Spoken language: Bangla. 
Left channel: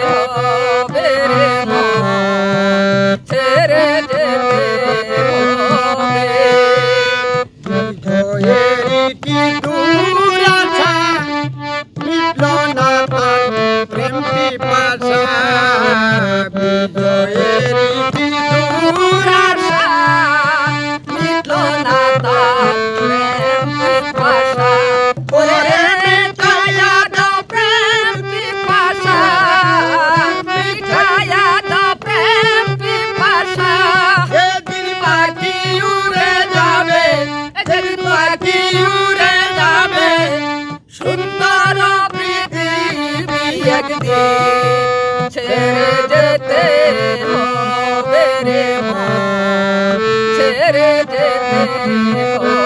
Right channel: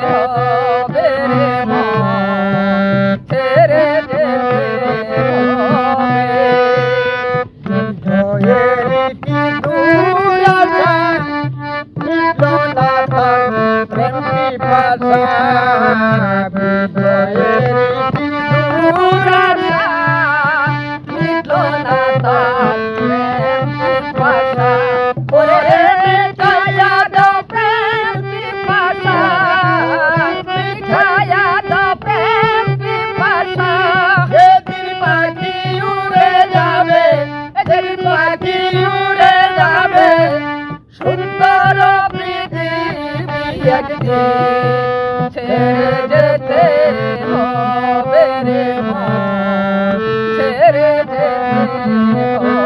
হবে রে মন, ছেড়ে যেতে হবে। হৃদয়ের পিপাসা মিটল না তার প্রেম পিপাসা, হৃদয়ের পিপাসা মিটল না তার প্রেম পিপাসা। ওরে মিটায়া দাও প্রেম পিপাসা, মিটায়া দাও প্রেম পিপাসা। সেদিন পাখি উড়ে যাবে, যেদিন পাখি উড়ে যাবে, সুন্দর পৃথিবী একদিন ছেড়ে যেতে হবে রে মন, ছেড়ে যেতে হবে।